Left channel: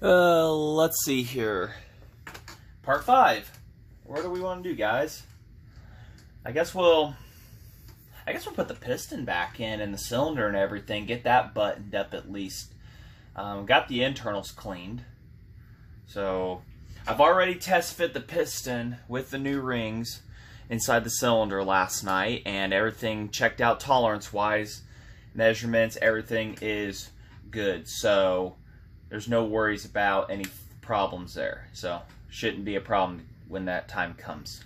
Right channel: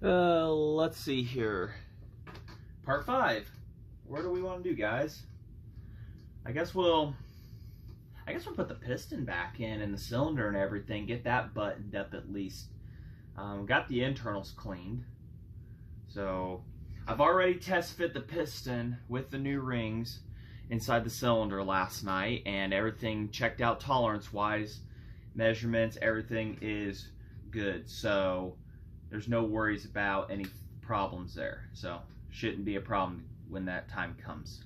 Let's see here. Part 5. What do we want to do, guys? I guess we'll put the piston back in and the cylinder and everything. Get that buttoned up at least. Got the internals cleaned. So I've already test fit the piston with the new rings inside the cylinder last night, and everything checked out tolerance wise, measurements, everything is good. So there's no worries about any problems there. So shouldn't be a problem when that time comes.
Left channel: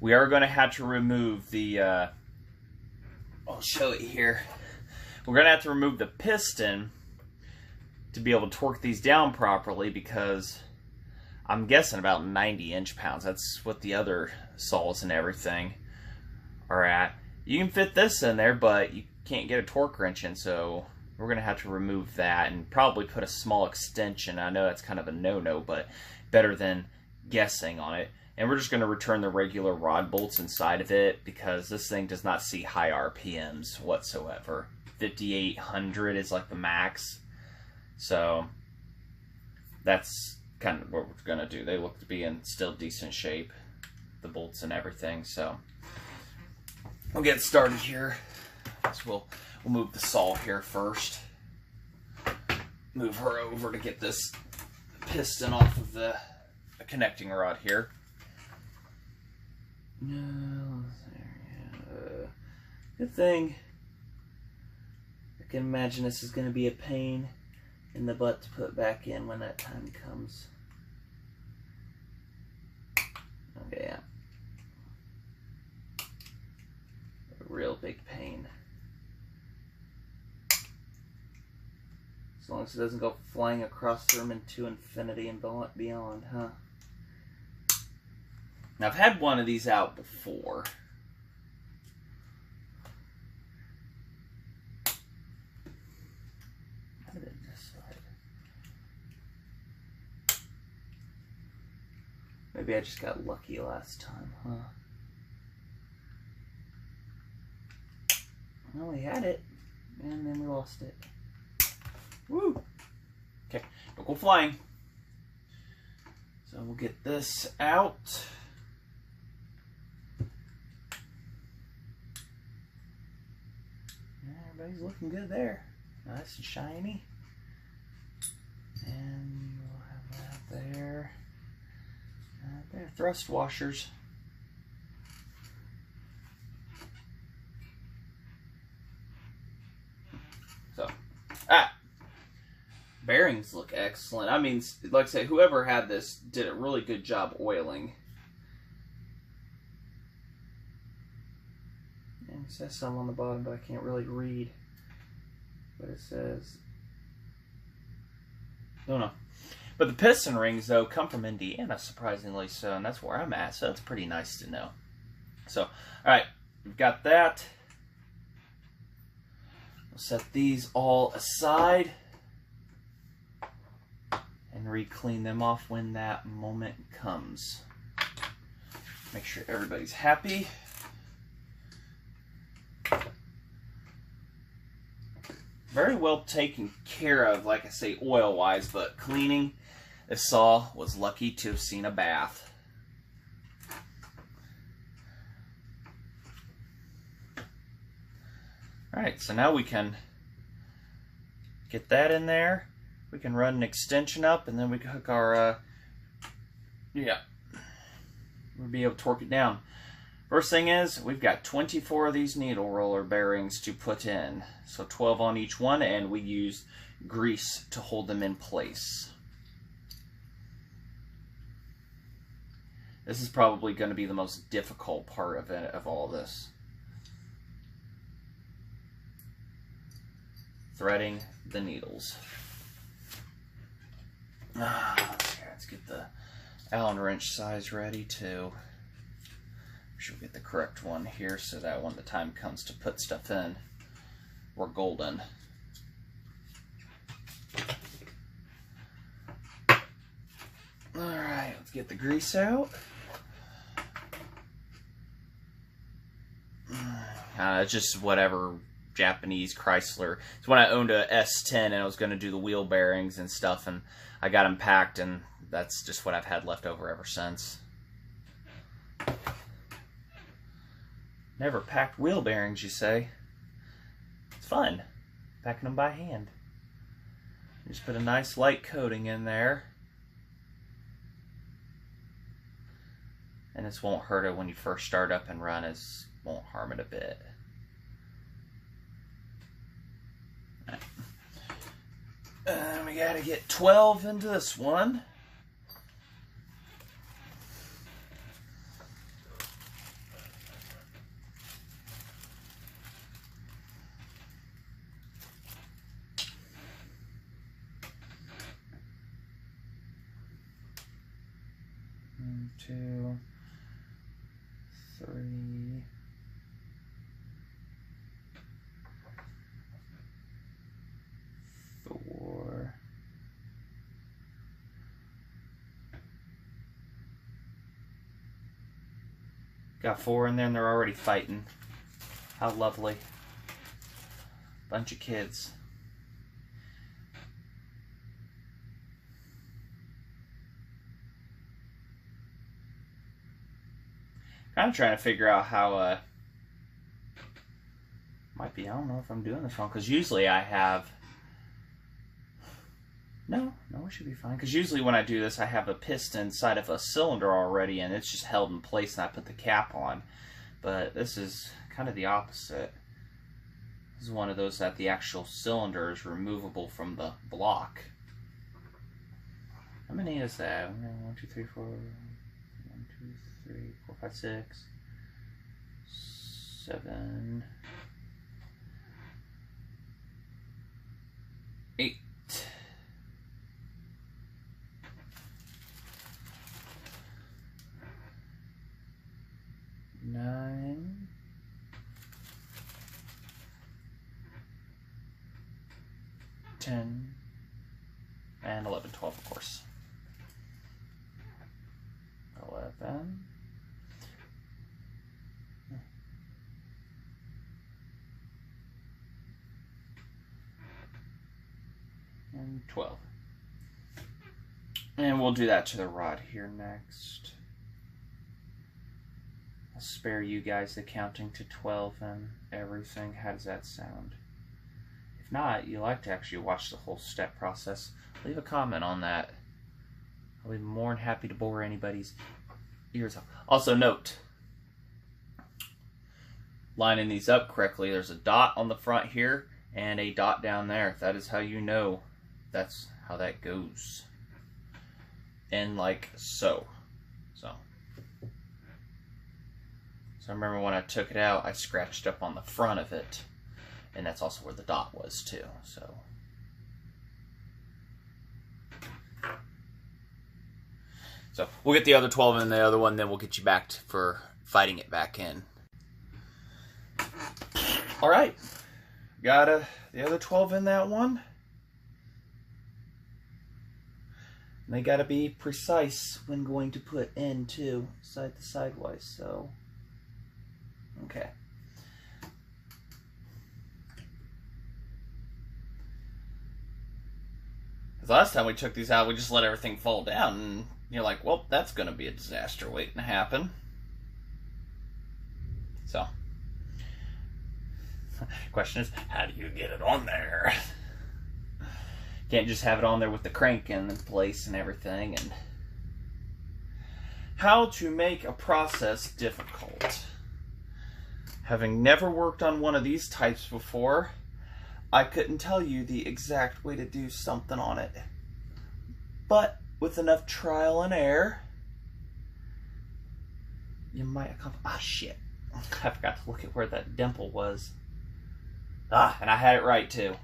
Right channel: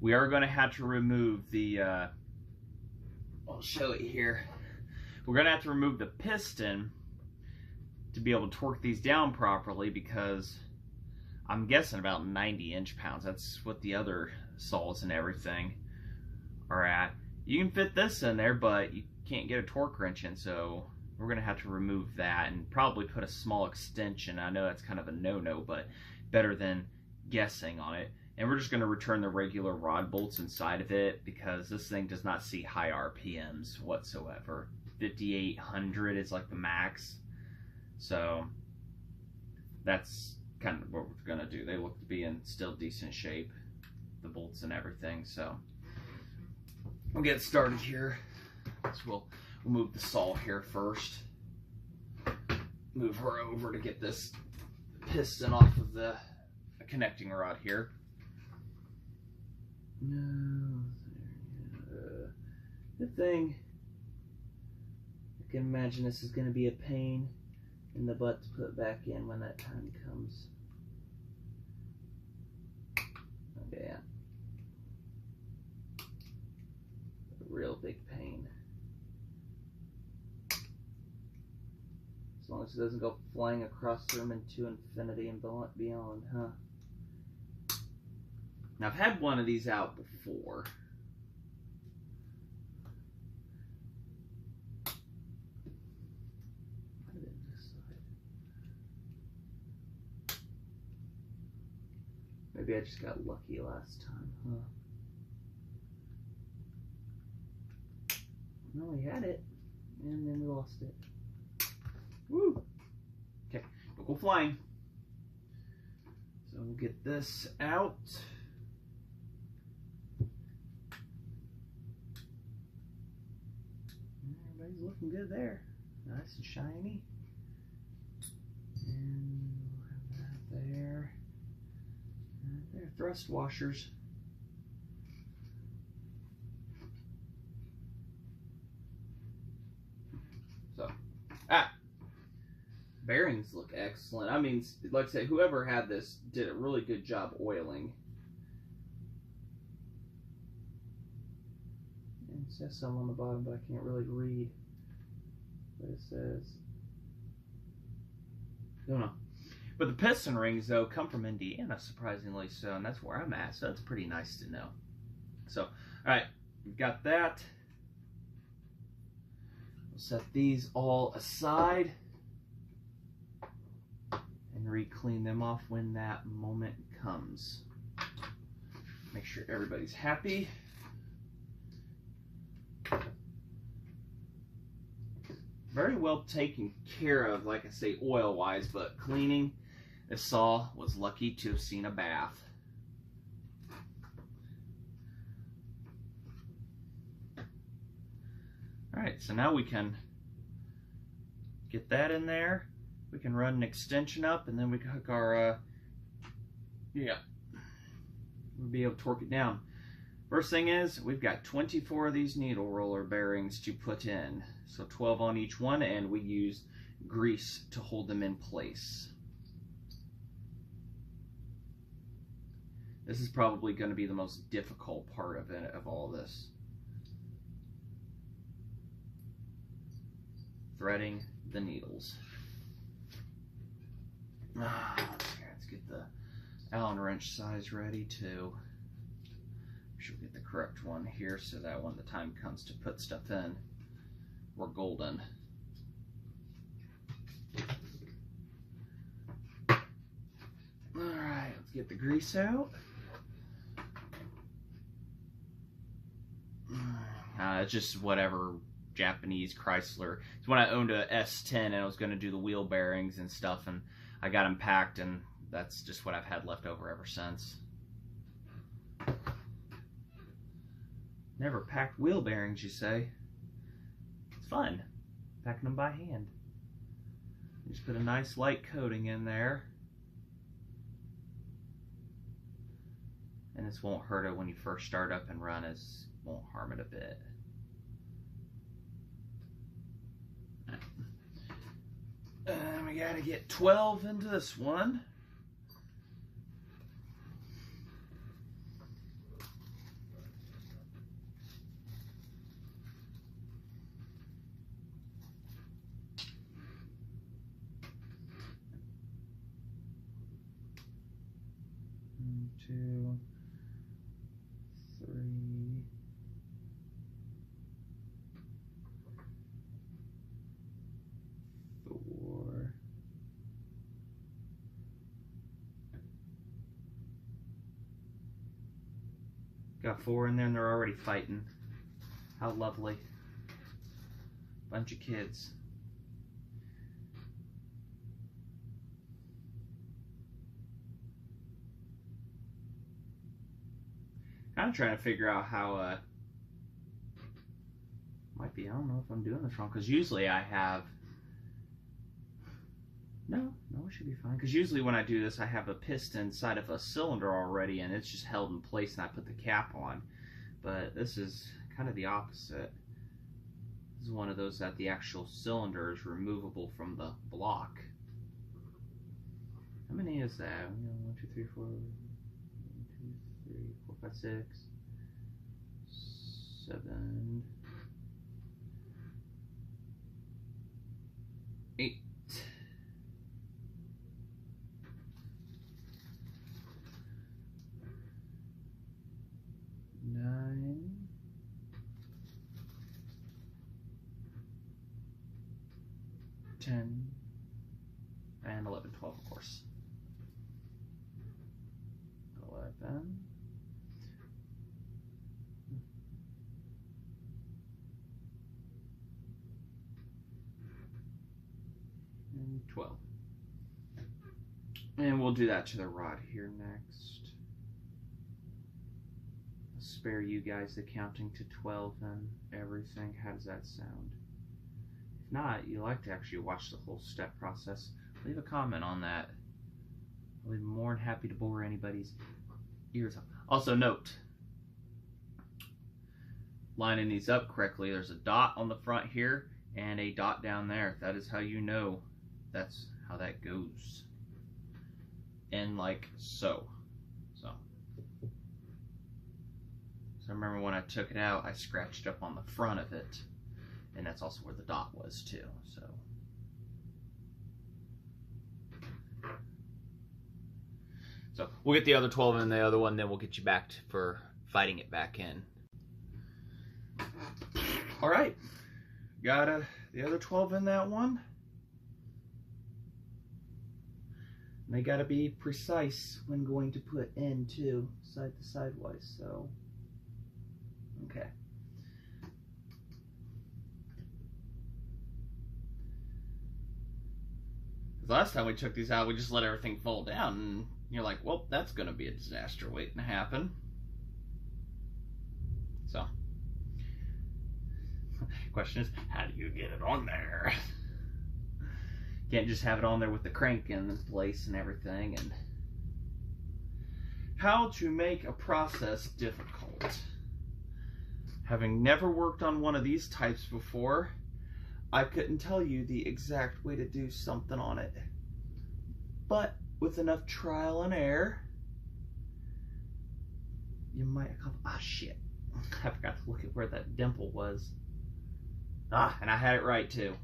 We are going to have to remove the, I'll show it here. We're going to have to remove the piston to be able to torque these down properly, because I'm guessing about 90 inch-pounds. That's what the other saws and everything are at. You can fit this in there, but you can't get a torque wrench in, so we're going to have to remove that and probably put a small extension. I know that's kind of a no-no, but better than guessing on it. And we're just going to return the regular rod bolts inside of it, because this thing does not see high RPMs whatsoever. 5,800 is like the max. So that's kind of what we're going to do. They look to be in still decent shape, the bolts and everything. So we'll get started here. So we'll move the saw here first. Move her over to get this piston off of the connecting rod here. No, good thing. I can imagine this is going to be a pain in the butt to put back in when that time comes. Okay, yeah. A real big pain. As long as it doesn't go flying across the room into infinity and beyond, huh? Now, I've had one of these out before. How did it decide? Maybe I just got lucky last time, huh? Well, we had it, and then we lost it. Woo! Okay, don't go flying. So we'll get this out. Everybody's looking good there. Nice and shiny. And we'll have that there. Right there. Thrust washers. So, bearings look excellent. I mean, like I said, whoever had this did a really good job oiling. It says some on the bottom, but I can't really read what it says. Don't know. But the piston rings, though, come from Indiana, surprisingly so, and that's where I'm at, so it's pretty nice to know. So, alright, we've got that. We'll set these all aside and re-clean them off when that moment comes. Make sure everybody's happy. Very well taken care of, like I say, oil-wise, but cleaning, this saw was lucky to have seen a bath. Alright, so now we can get that in there. We can run an extension up, and then we can hook our, we'll be able to torque it down. First thing is, we've got 24 of these needle roller bearings to put in. So 12 on each one, and we use grease to hold them in place. This is probably going to be the most difficult part of it, of all this. Threading the needles. Let's get the Allen wrench size ready too. Should get the correct one here so that when the time comes to put stuff in, we're golden. Alright, let's get the grease out. It's just whatever Japanese Chrysler. It's when I owned a S10 and I was going to do the wheel bearings and stuff, and I got them packed, and that's just what I've had left over ever since. Never packed wheel bearings, you say? It's fun, packing them by hand. Just put a nice light coating in there. And this won't hurt it when you first start up and run. It won't harm it a bit. And we gotta get 12 into this one. One, 2, 3, 4. Got 4 in there and they're already fighting. How lovely. Bunch of kids. I'm trying to figure out how, might be, I don't know if I'm doing this wrong, because usually I have, no, it should be fine, because usually when I do this, I have a piston inside of a cylinder already, and it's just held in place, and I put the cap on, but this is kind of the opposite. This is one of those that the actual cylinder is removable from the block. How many is that? 1, 2, 3, 4... 3, 4, 5, 6, 7, 8. 9, 10, and 11, 12, of course. 11. And 12. And we'll do that to the rod here next. I'll spare you guys the counting to 12 and everything. How does that sound? If not, you like to actually watch the whole step process, leave a comment on that. I'll be more than happy to bore anybody's ears off. Also note, lining these up correctly, there's a dot on the front here and a dot down there. That is how you know that's how that goes. And like so. So I remember when I took it out, I scratched up on the front of it, and that's also where the dot was too. So we'll get the other 12 in the other one, then we'll get you back for fighting it back in. All right, got the other 12 in that one. And they gotta be precise when going to put in too, side to sidewise, so, okay. Because last time we took these out, we just let everything fall down, and you're like, well, that's gonna be a disaster waiting to happen. So, question is, how do you get it on there? Can't just have it on there with the crank in place and everything. And how to make a process difficult. Having never worked on one of these types before, I couldn't tell you the exact way to do something on it. But with enough trial and error, you might accomplish. Ah, shit. I forgot to look at where that dimple was. Ah, and I had it right too.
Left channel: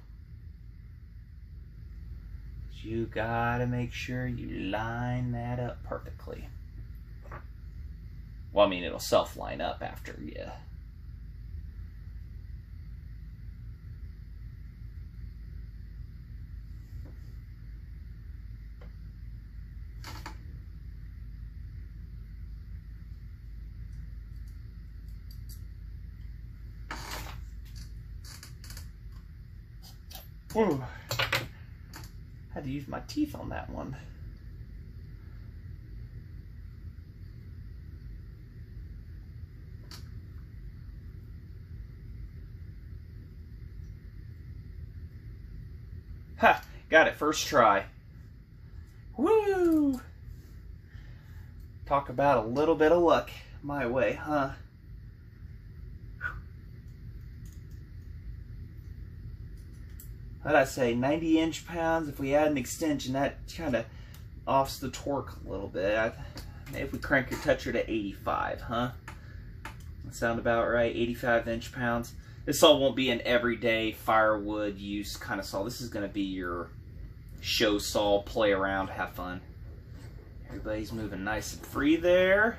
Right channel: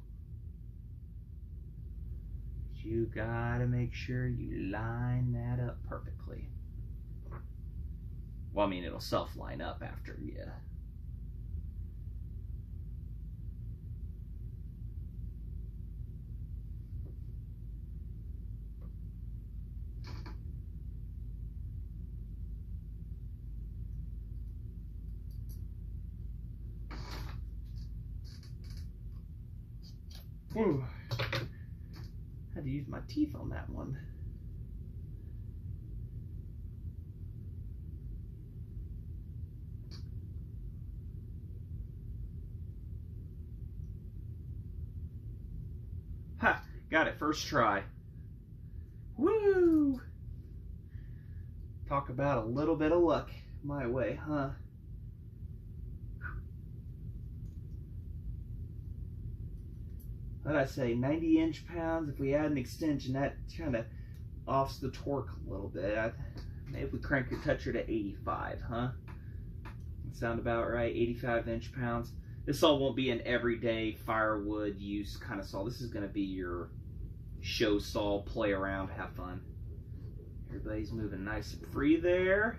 You gotta make sure you line that up perfectly. Well, I mean, it'll self-line up after you. Whew. Had to use my teeth on that one. Ha! Got it first try. Woo! Talk about a little bit of luck my way, huh? What'd I say? 90 inch-pounds. If we add an extension, that kind of offs the torque a little bit. Maybe if we crank your toucher to 85, huh? That sound about right? 85 inch-pounds. This saw won't be an everyday firewood use kind of saw. This is going to be your show saw, play around, have fun. Everybody's moving nice and free there.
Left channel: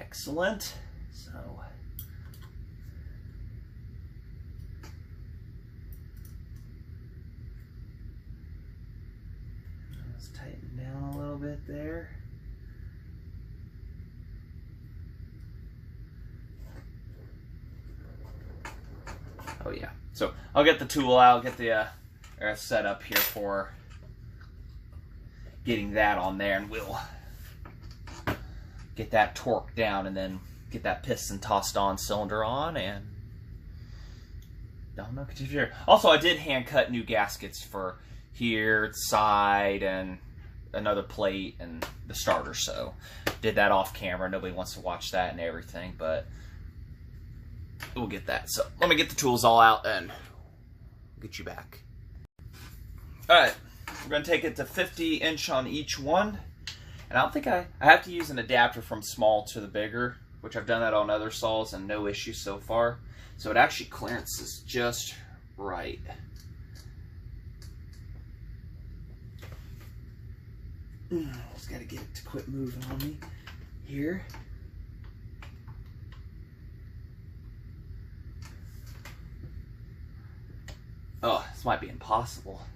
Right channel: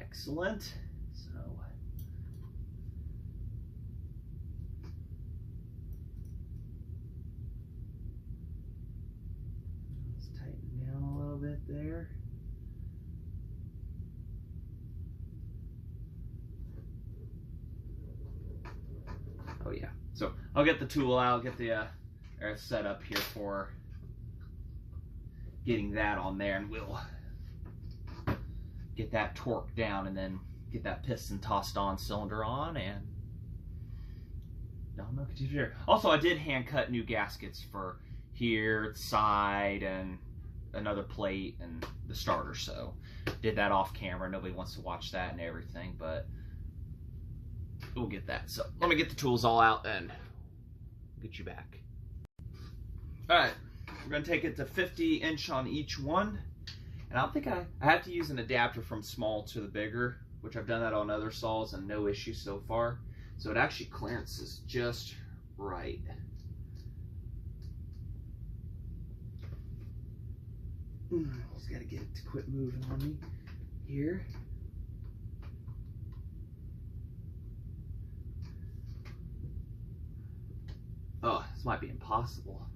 Excellent. So, let's tighten down a little bit there. Oh yeah. So I'll get the tool out, get the set up here for getting that on there, and we'll get that torque down and then get that piston tossed on, cylinder on, and no confusion. Also, I did hand cut new gaskets for here, side, and another plate and the starter, so did that off camera. Nobody wants to watch that and everything, but we'll get that. So let me get the tools all out and get you back. All right, we're gonna take it to 50 inch on each one. And I don't think I have to use an adapter from small to the bigger, which I've done that on other saws and no issues so far. So it actually clearances just right. Just gotta get it to quit moving on me here. Oh, this might be impossible.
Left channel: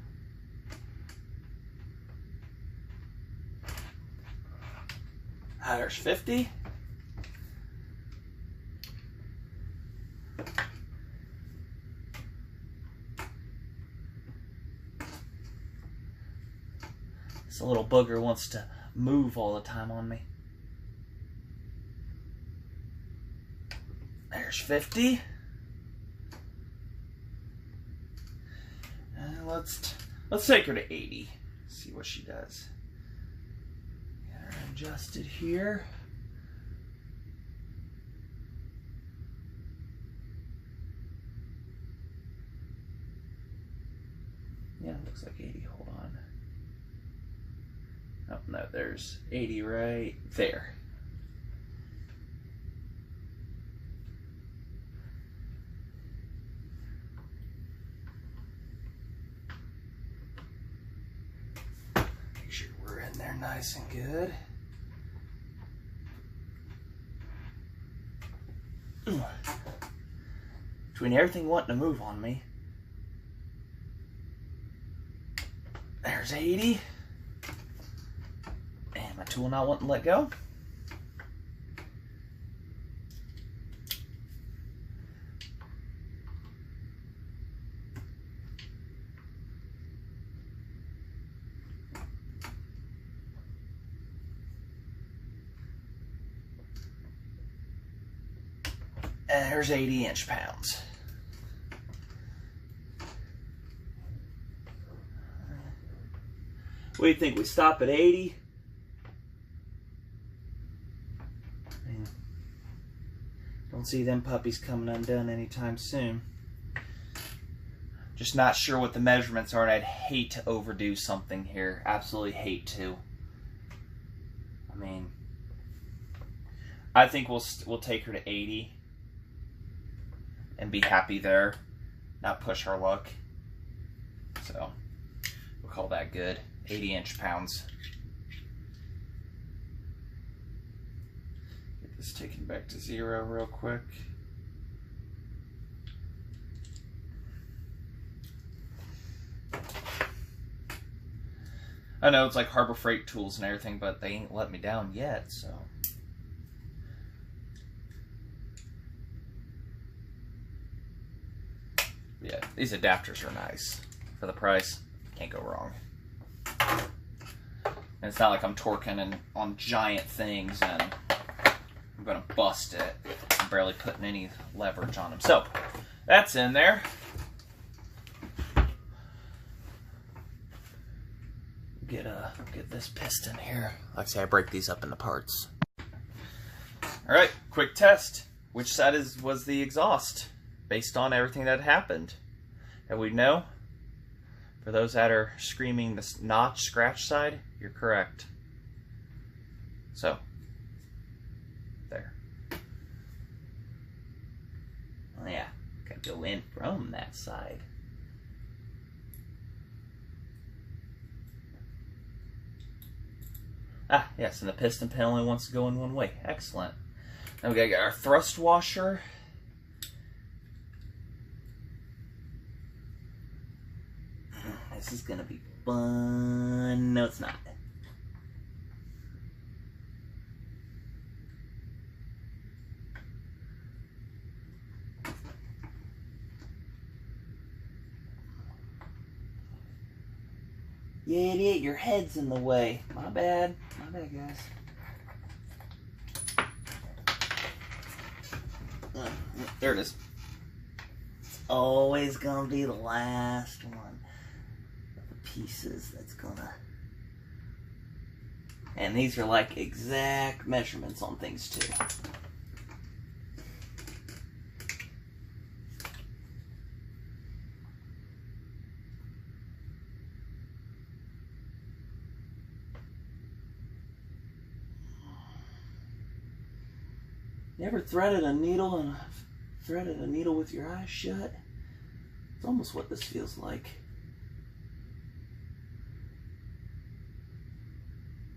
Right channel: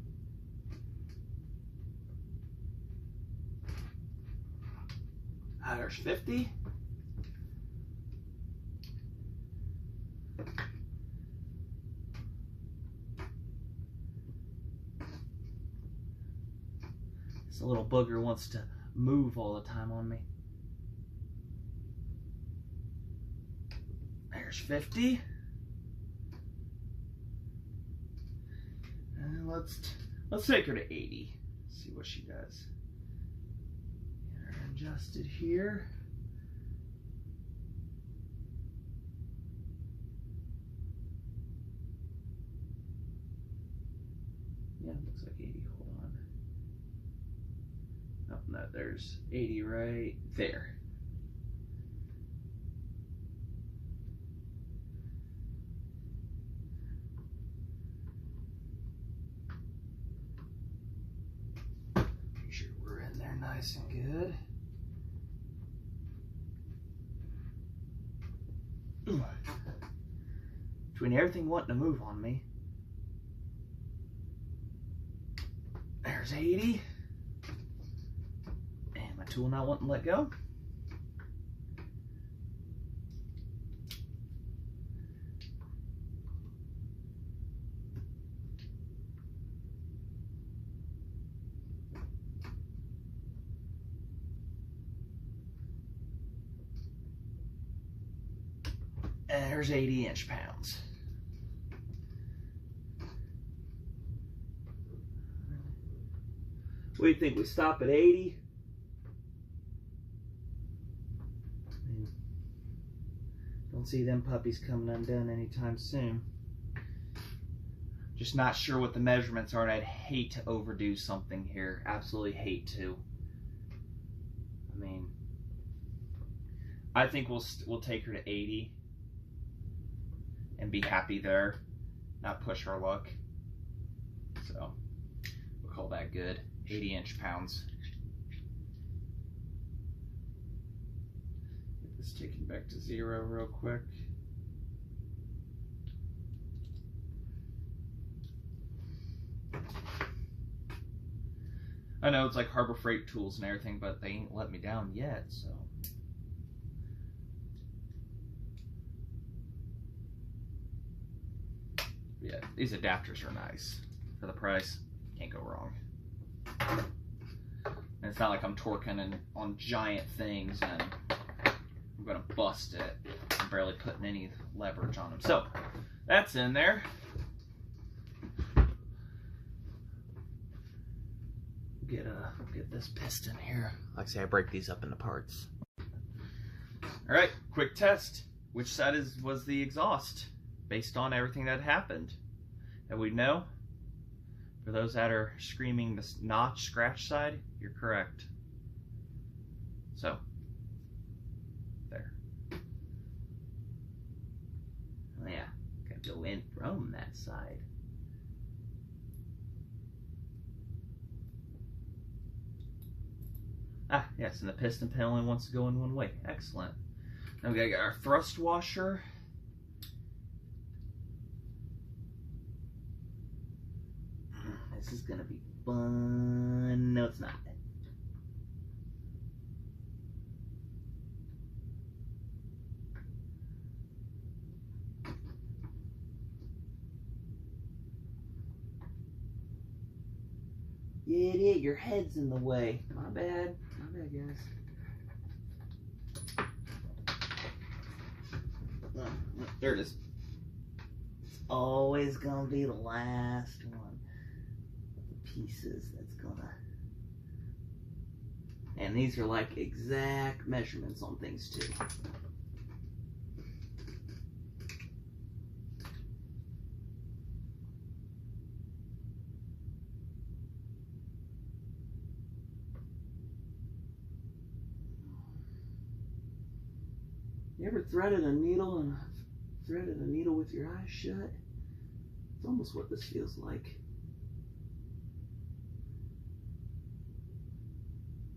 There's 50. This little booger wants to move all the time on me. There's 50. And let's take her to 80. See what she does. Adjusted here. Yeah, it looks like 80. Hold on. Oh, no, there's 80 right there. Make sure we're in there nice and good. Between everything wanting to move on me. There's 80. And my tool not wanting to let go. And there's 80 inch-pounds. What do you think? We stop at 80? Don't see them puppies coming undone anytime soon. Just not sure what the measurements are, and I'd hate to overdo something here. Absolutely hate to. I mean, I think we'll take her to 80. And be happy there, not push our luck. So we'll call that good. 80 inch-pounds. Get this taken back to 0 real quick. I know it's like Harbor Freight tools and everything, but they ain't let me down yet, so. Yeah, These adapters are nice. For the price, can't go wrong. And it's not like I'm torquing on giant things and I'm gonna bust it. I'm barely putting any leverage on them. So, that's in there. Get this piston here. Like I say, I break these up into parts. All right, quick test. Which side was the exhaust based on everything that happened? And we know, for those that are screaming the notch scratch side, you're correct. So, there. Oh yeah, gotta go in from that side. Ah, yes, and the piston pin only wants to go in one way. Excellent. Now we gotta get our thrust washer. This is gonna be fun. No, it's not. Yeah, idiot, your head's in the way. My bad. My bad, guys. There it is. It's always gonna be the last one of the pieces that's gonna... And these are like exact measurements on things too. You ever threaded a needle with your eyes shut? It's almost what this feels like.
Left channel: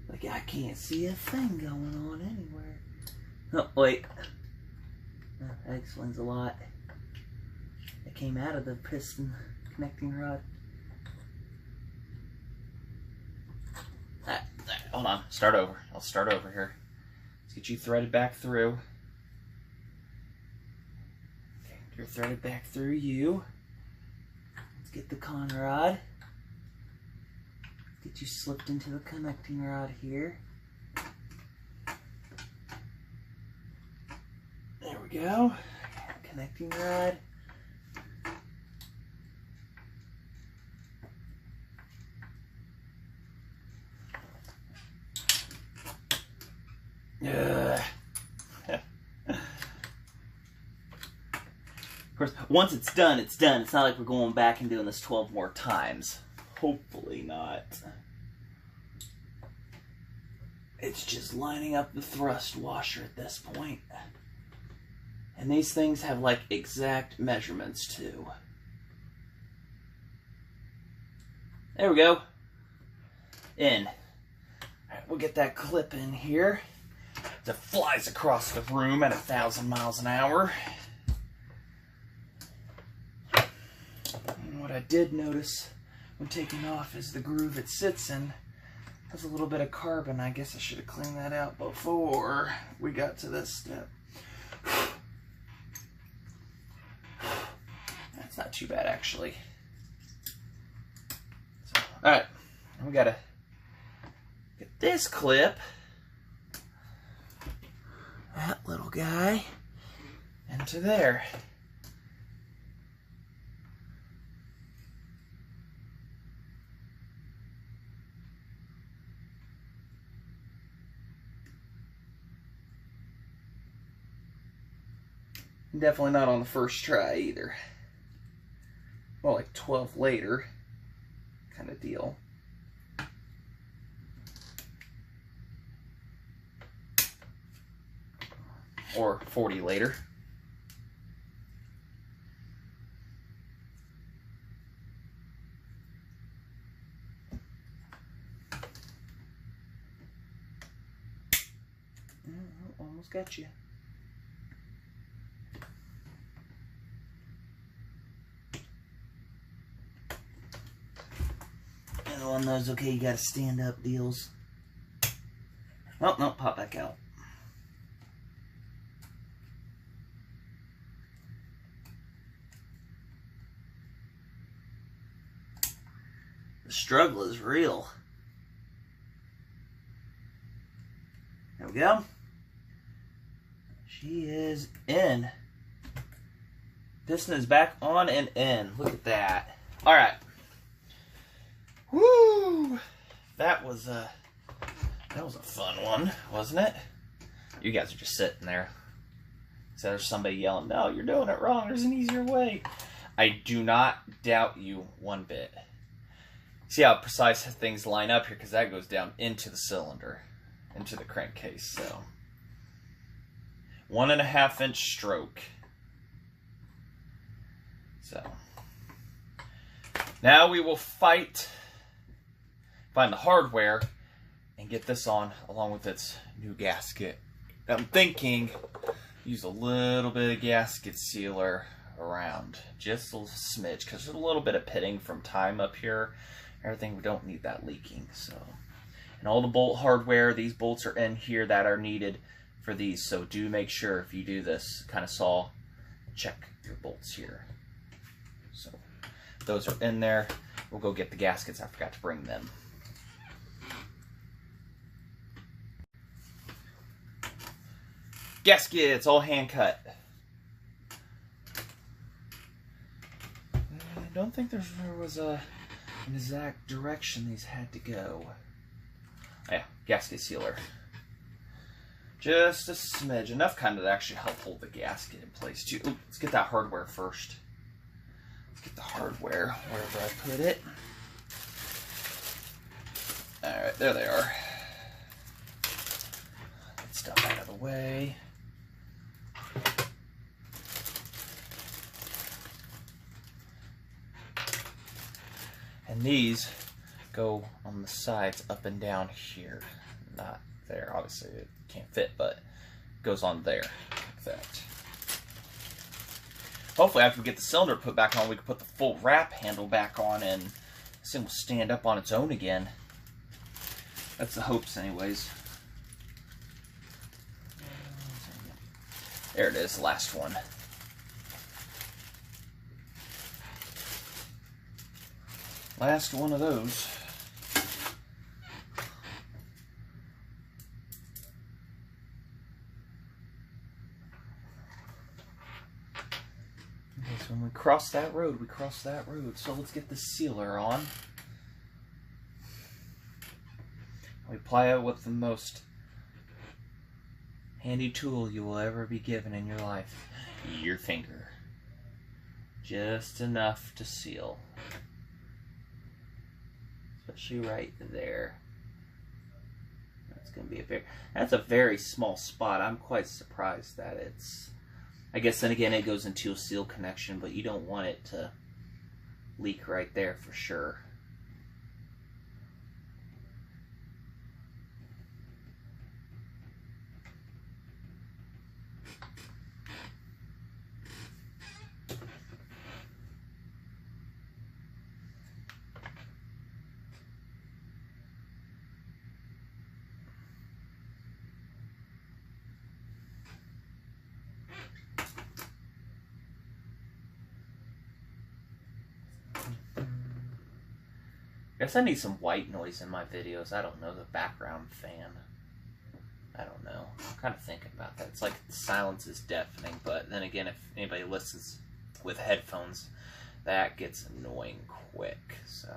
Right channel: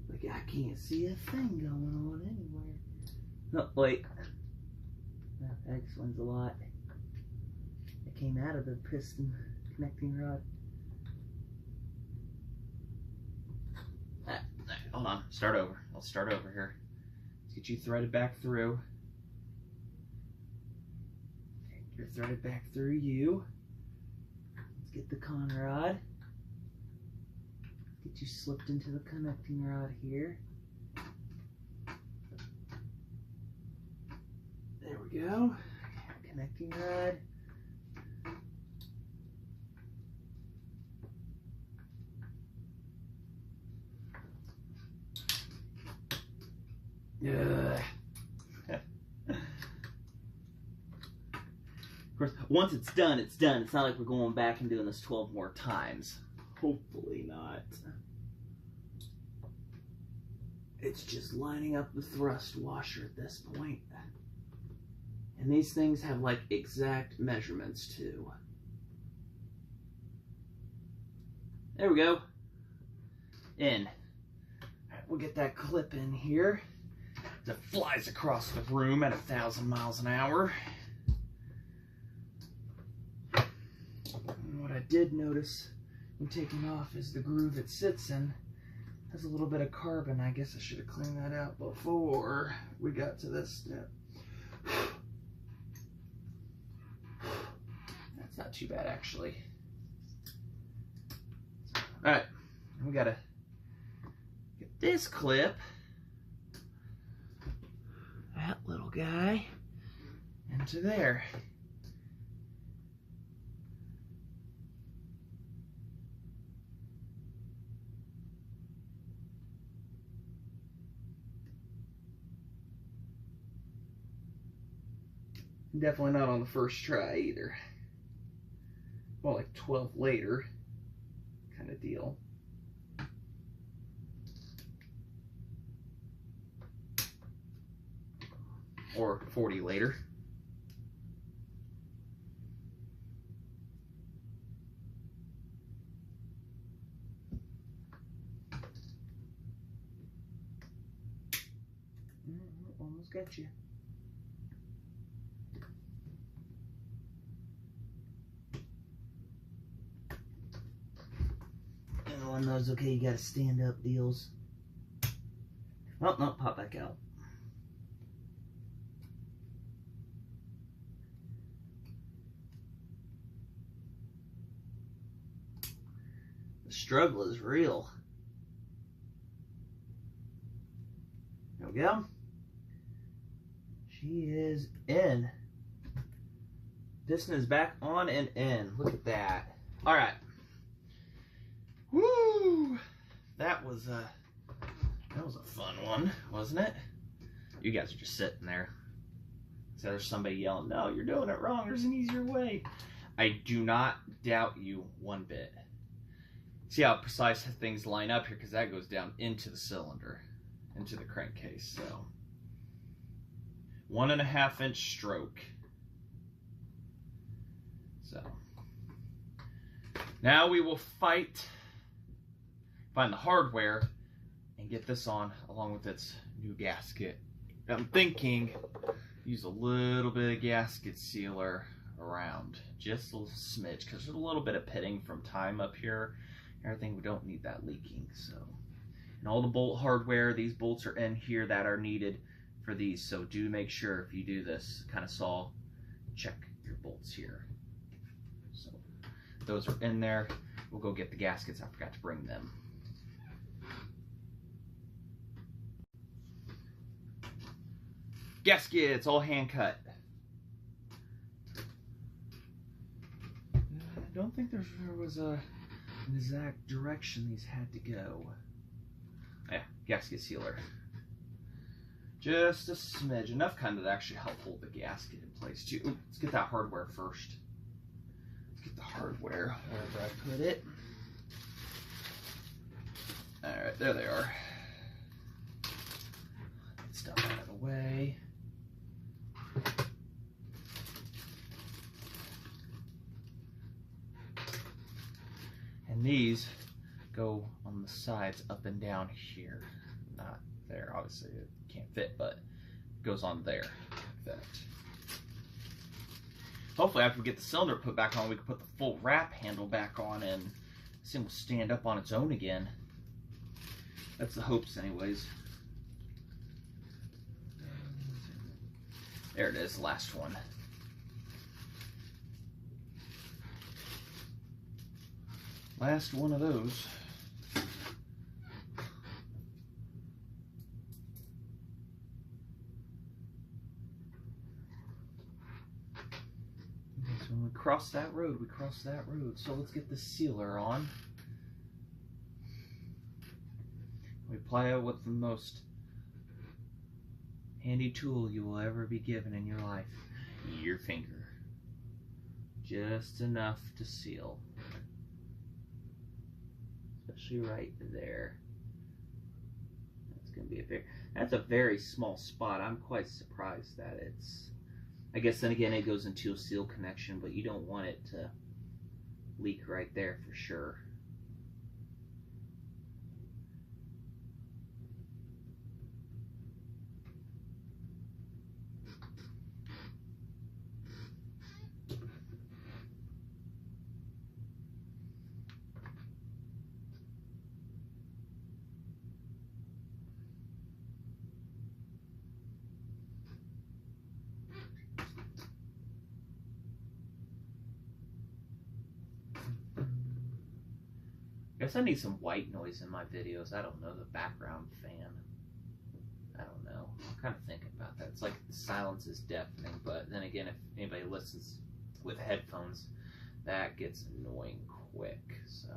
Like I can't see a thing going on anywhere. Oh, wait. That explains a lot. It came out of the piston connecting rod. Hold on, start over. I'll start over here. Let's get you threaded back through. Okay, you're threaded back through you. Let's get the con rod. Get you slipped into the connecting rod here. There we go. Connecting rod. Yeah. Of course, once it's done, it's done. It's not like we're going back and doing this 12 more times. Hopefully not. It's just lining up the thrust washer at this point. And these things have like exact measurements too. There we go. In. Alright, we'll get that clip in here. It flies across the room at 1,000 miles an hour. And what I did notice when taking off is the groove it sits in has a little bit of carbon. I guess I should have cleaned that out before we got to this step. That's not too bad, actually. So, alright, we gotta get this clip, that little guy, into there. Definitely not on the first try either. Well, like 12 later kind of deal. Or 40 later. Almost got you. On those, okay, you gotta stand up deals. Oh, no, pop back out. The struggle is real. There we go. She is in. Piston is back on and in. Look at that. All right. Woo! That was a fun one, wasn't it? You guys are just sitting there. So there's somebody yelling, "No, you're doing it wrong. There's an easier way." I do not doubt you one bit. See how precise things line up here, because that goes down into the cylinder, into the crankcase. So 1.5 inch stroke. So now we will find the hardware and get this on along with its new gasket. I'm thinking use a little bit of gasket sealer around, just a smidge, because there's a little bit of pitting from time up here. Everything, we don't need that leaking. So, and all the bolt hardware, these bolts are in here that are needed for these. So do make sure if you do this kind of saw, check your bolts here. So those are in there. We'll go get the gaskets. I forgot to bring them. Gaskets, all hand cut. I don't think there was an exact direction these had to go. Yeah, gasket sealer. Just a smidge, enough kind of to actually help hold the gasket in place too. Ooh, let's get that hardware first. Let's get the hardware wherever I put it. All right, there they are. That stuff out of the way. And these go on the sides up and down here. Not there, obviously it can't fit, but it goes on there like that. Hopefully after we get the cylinder put back on, we can put the full wrap handle back on and this thing will stand up on its own again. That's the hopes anyways. There it is, last one. Last one of those. So when we cross that road, we cross that road. So let's get the sealer on. We apply it with the most handy tool you will ever be given in your life. Your finger. Just enough to seal. Especially right there. That's gonna be that's a very small spot. I'm quite surprised that it's, I guess then again it goes into a seal connection, but you don't want it to leak right there for sure. I guess I need some white noise in my videos. I don't know, the background fan. I don't know. I'm kind of thinking about that. It's like the silence is deafening, but then again, if anybody listens with headphones, that gets annoying quick. So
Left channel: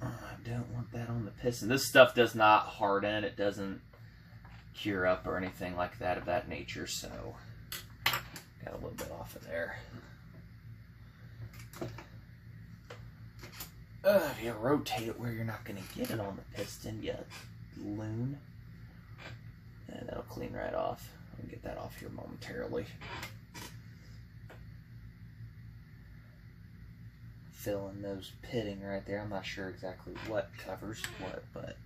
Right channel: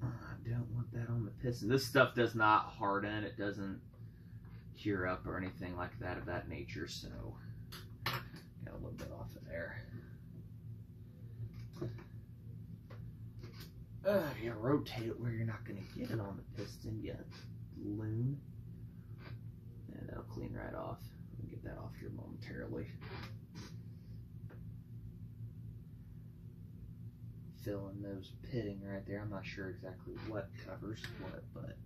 I don't want that on the piston. This stuff does not harden. It doesn't cure up or anything like that of that nature. So got a little bit off of there. You rotate it where you're not going to get it on the piston yet, loon. And that'll clean right off. I'll get that off here momentarily. Filling those pitting right there. I'm not sure exactly what covers what, but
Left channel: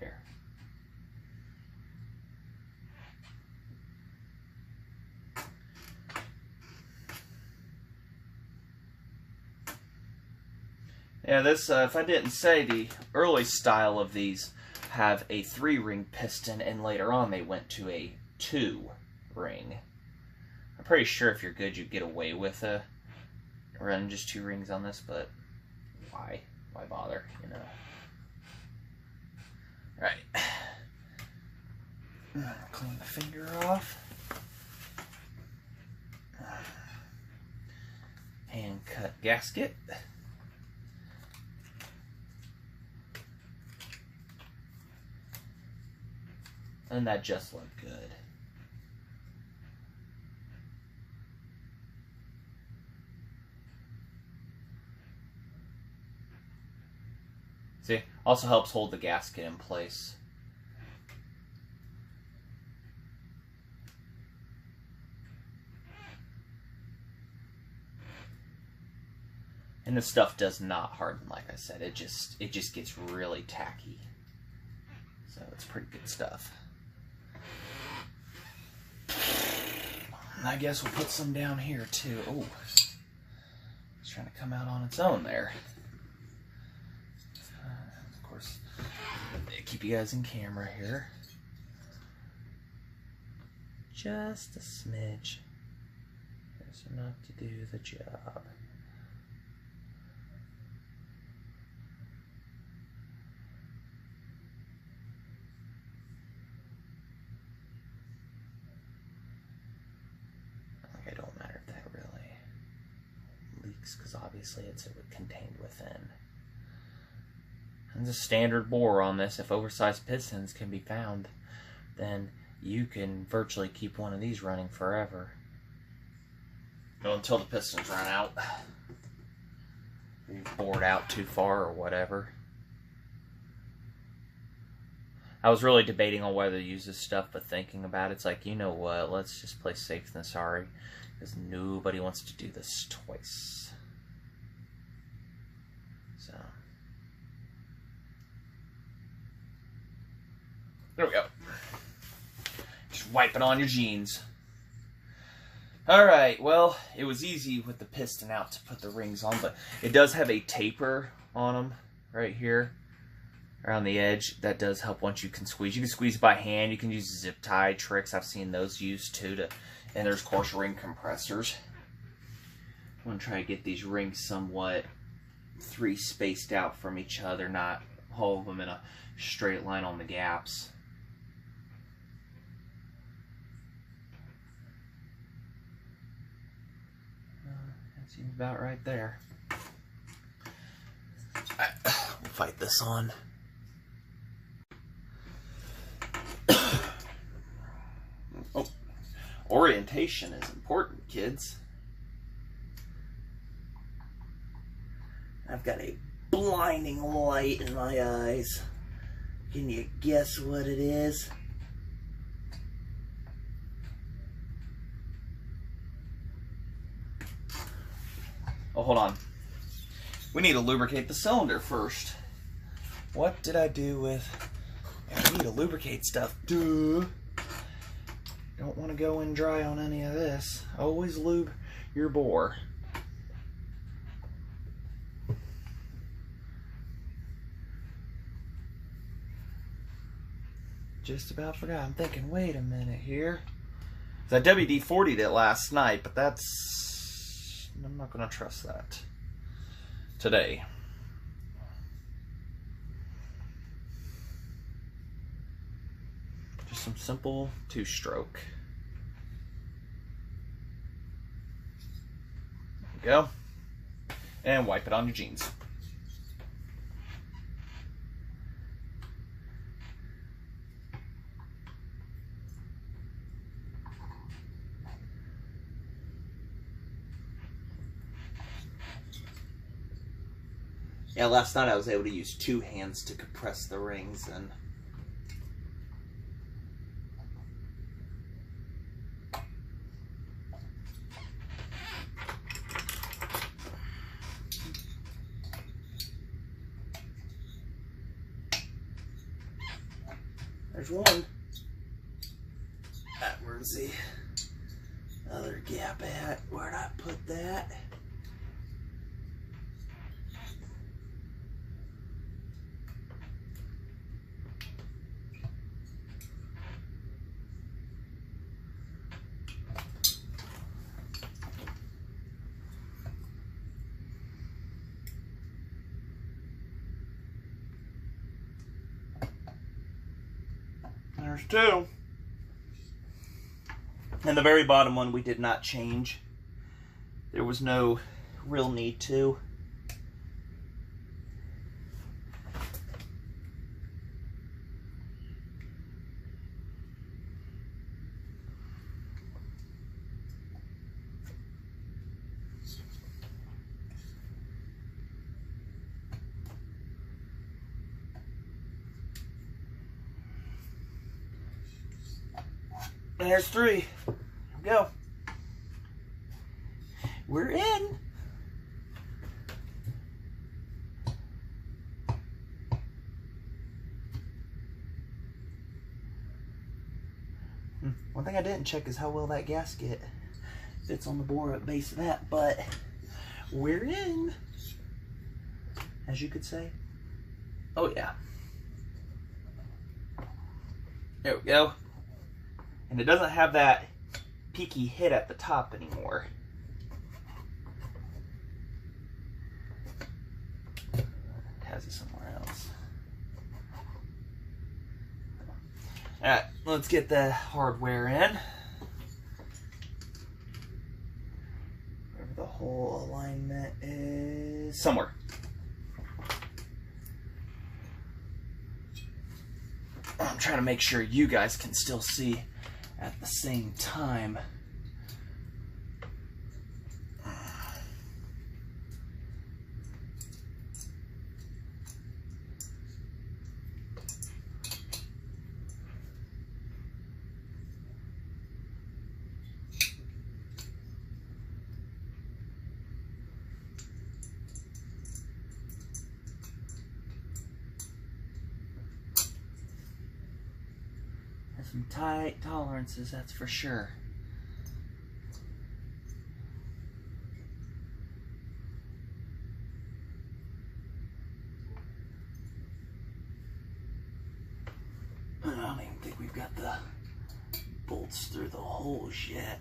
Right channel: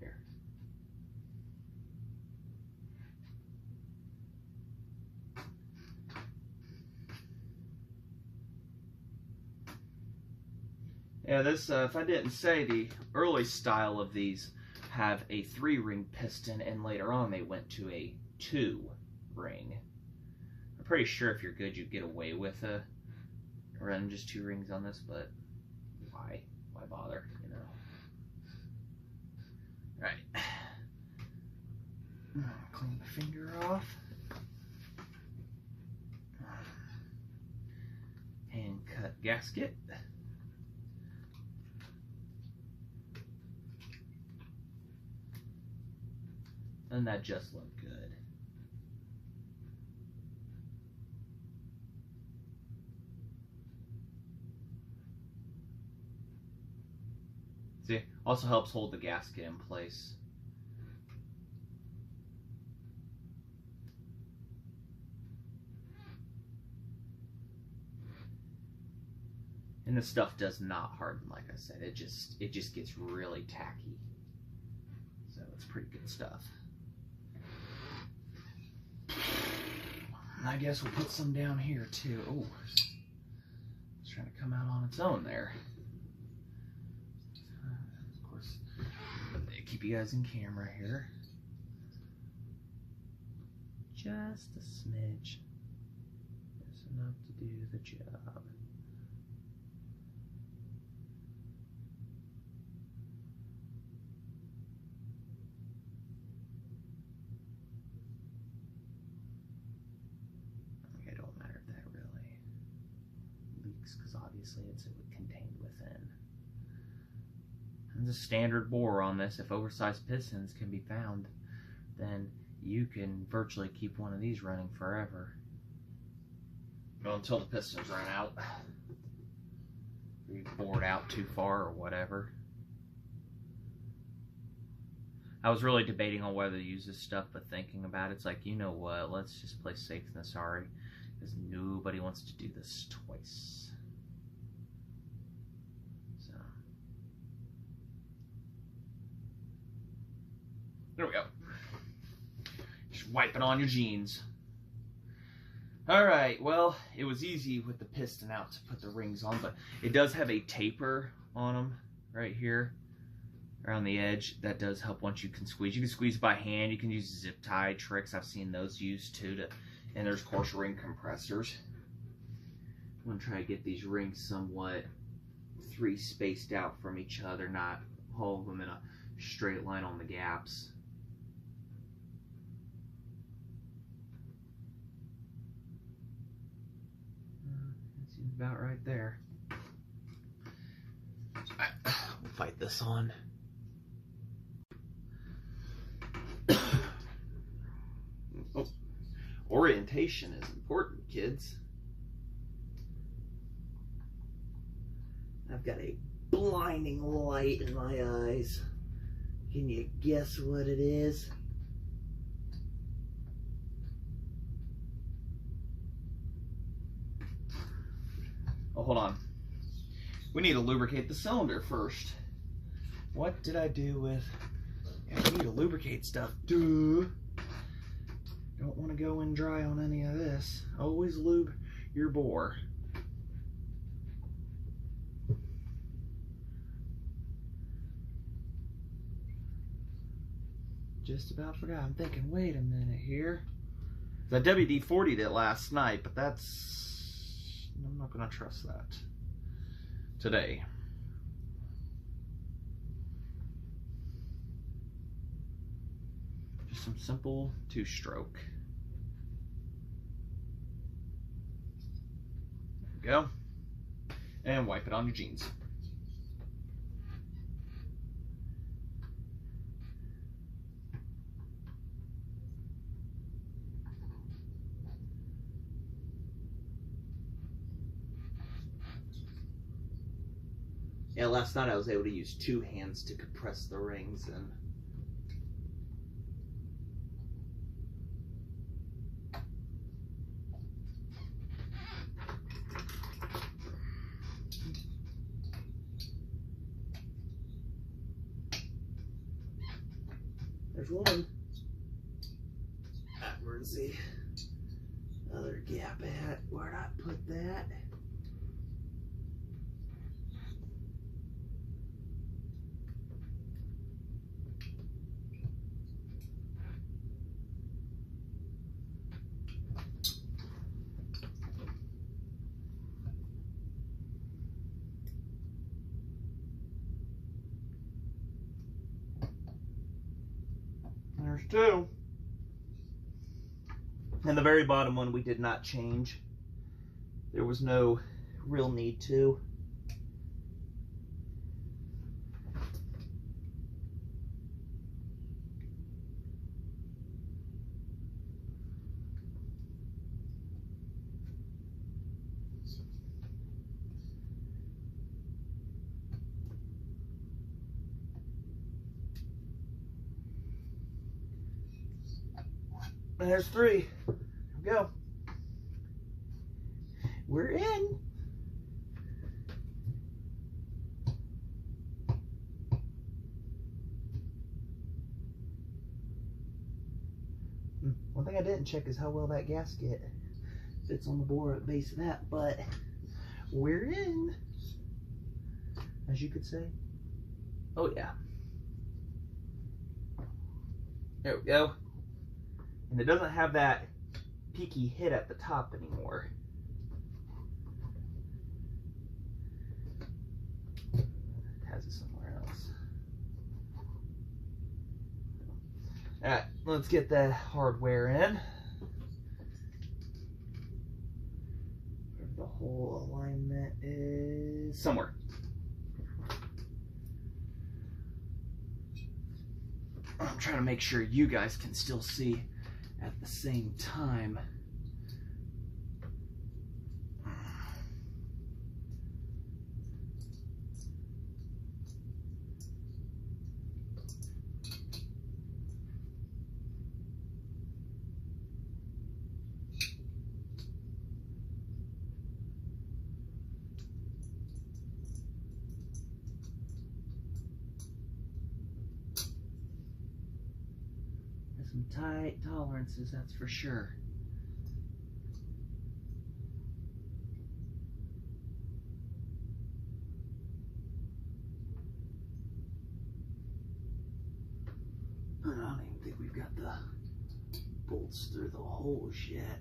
there. Yeah, this, if I didn't say, the early style of these have a 3-ring piston, and later on they went to a 2-ring. I'm pretty sure if you're good, you get away with running just 2 rings on this, but why bother, you know? Right. Clean the finger off. Hand cut gasket. And that just looked good. See, also helps hold the gasket in place. And this stuff does not harden, like I said. It just gets really tacky. So it's pretty good stuff. I guess we'll put some down here too. Oh, it's trying to come out on its own there. Of course, keep you guys in camera here. Just a smidge. Just enough to do the job. Because obviously it's contained within. There's a standard bore on this. If oversized pistons can be found, then you can virtually keep one of these running forever. Well, until the pistons run out. You've bored out too far or whatever. I was really debating on whether to use this stuff, but thinking about it, it's like, you know what, let's just play safe than sorry. Because nobody wants to do this twice. So there we go. Just wipe it on your jeans. Alright, well, it was easy with the piston out to put the rings on, but it does have a taper on them right here around the edge. That does help once you can squeeze. You can squeeze by hand. You can use zip tie tricks. I've seen those used too. And there's, of course, ring compressors. I'm going to try to get these rings somewhat 3 spaced out from each other, not all of them in a straight line on the gaps. That seems about right there. We'll fight this on. Oh, orientation is important, kids. I've got a blinding light in my eyes. Can you guess what it is? Oh, hold on. We need to lubricate the cylinder first. What did I do with... I need to lubricate stuff. Duh. Don't want to go in dry on any of this. Always lube your bore. Just about forgot. I'm thinking, wait a minute here. I WD-40'd it last night, but that's... I'm not going to trust that today. Just some simple 2-stroke. There you go. And wipe it on your jeans. Yeah, last night I was able to use 2 hands to compress the rings, and there's one. Where's the other gap at? Where'd I put that? There's two. And the very bottom one we did not change. There was no real need to. And there's three. Here we go. We're in. One thing I didn't check is how well that gasket fits on the bore at base of that, but we're in, as you could say. Oh yeah. There we go. And it doesn't have that peaky hit at the top anymore. It has it somewhere else. Alright, let's get the hardware in. Wherever the whole alignment is. Somewhere. I'm trying to make sure you guys can still see at the same time. Some tight tolerances, that's for sure. I don't even think we've got the bolts through the holes yet.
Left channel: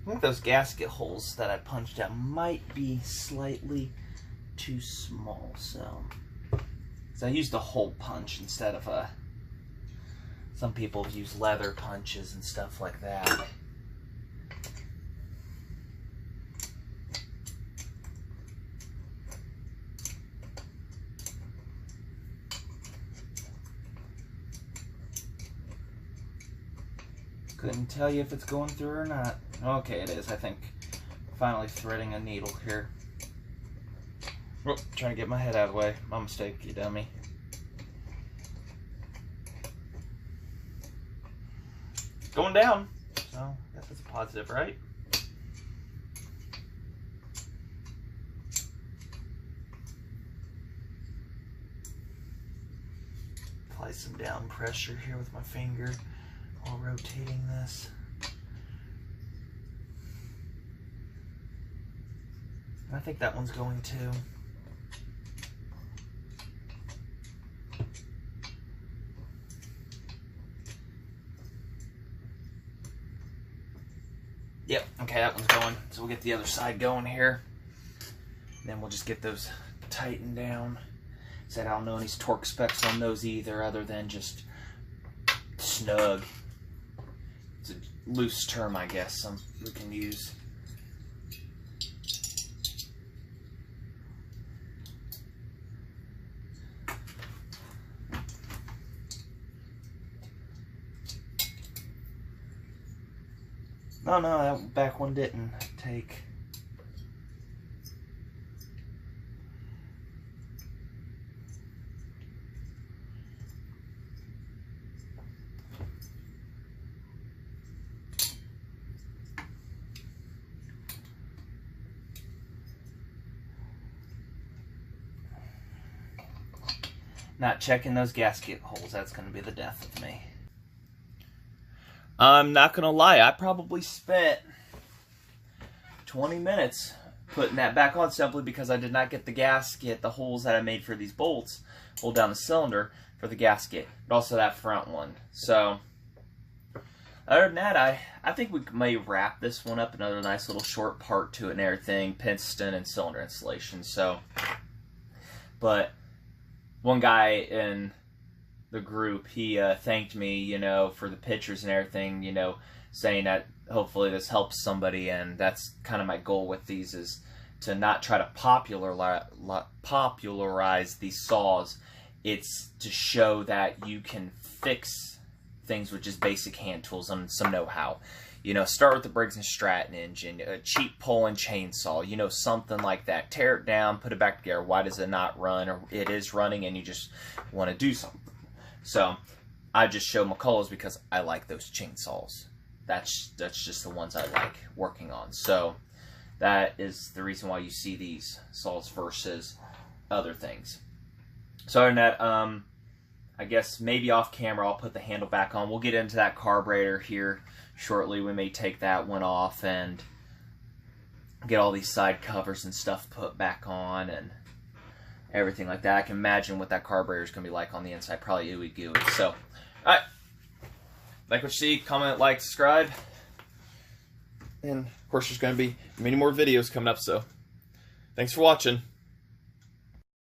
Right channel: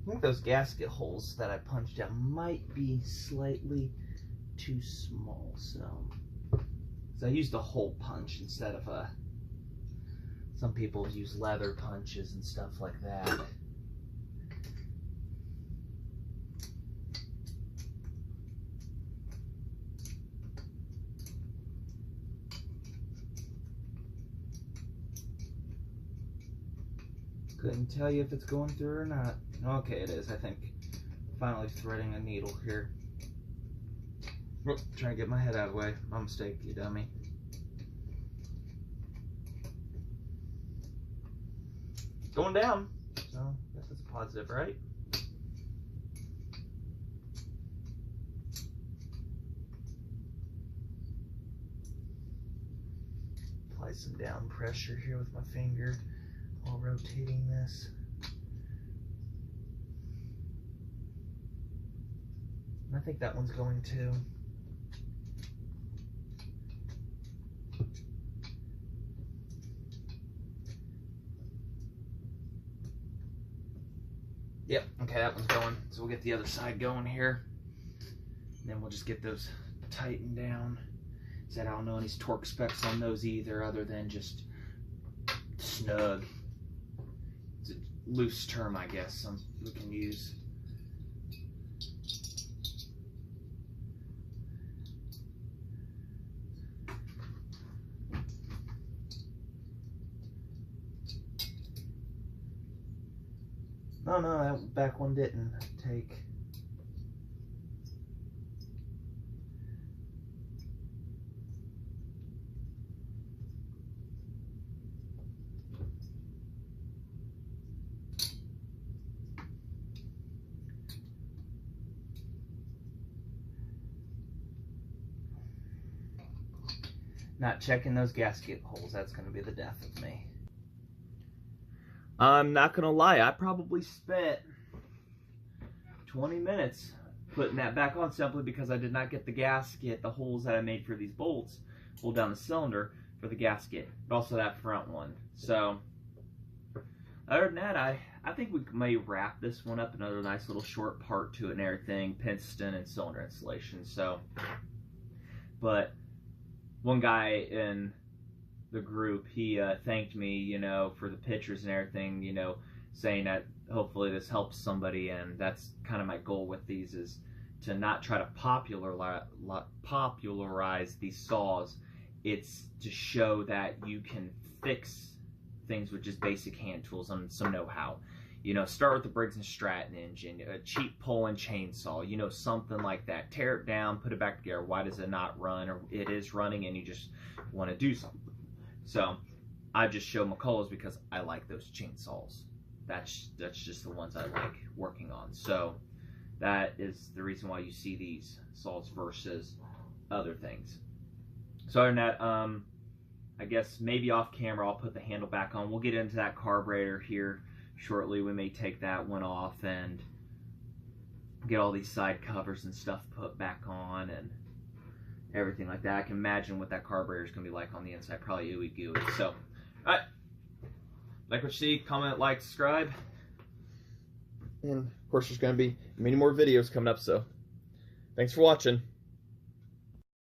I think those gasket holes that I punched out might be slightly too small, so I used a hole punch instead of a, some people use leather punches and stuff like that. Couldn't tell you if it's going through or not. Okay, it is. I think finally threading a needle here. Oh, trying to get my head out of the way. My mistake, you dummy. Going down. So, I guess that's a positive, right? Apply some down pressure here with my finger while rotating this. I think that one's going too. Yep, okay, that one's going. So we'll get the other side going here. And then we'll just get those tightened down. Said I don't know any torque specs on those either, other than just snug. It's a loose term, I guess, some we can use. Oh no, that back one didn't take. Not checking those gasket holes, that's going to be the death of me. I'm not going to lie, I probably spent 20 minutes putting that back on simply because I did not get the gasket, the holes that I made for these bolts, hold down the cylinder for the gasket, but also that front one. So other than that, I think we may wrap this one up. Another nice little short part to it and everything, piston and cylinder installation. So, but one guy in the group, he thanked me, you know, for the pictures and everything, you know, saying that hopefully this helps somebody, and that's kind of my goal with these, is to not try to popularize these saws. It's to show that you can fix things with just basic hand tools and some know-how. You know, start with the Briggs & Stratton engine, a cheap Poland chainsaw, you know, something like that. Tear it down, put it back together. Why does it not run? Or it is running and you just want to do something. So I just show McCulloch's because I like those chainsaws. That's just the ones I like working on. So that is the reason why you see these saws versus other things. So other than that, I guess maybe off camera I'll put the handle back on. We'll get into that carburetor here shortly. We may take that one off and get all these side covers and stuff put back on and everything like that. I can imagine what that carburetor is going to be like on the inside. Probably ooey gooey. So, alright. Like what you see, comment, like, subscribe. And, of course, there's going to be many more videos coming up, so thanks for watching.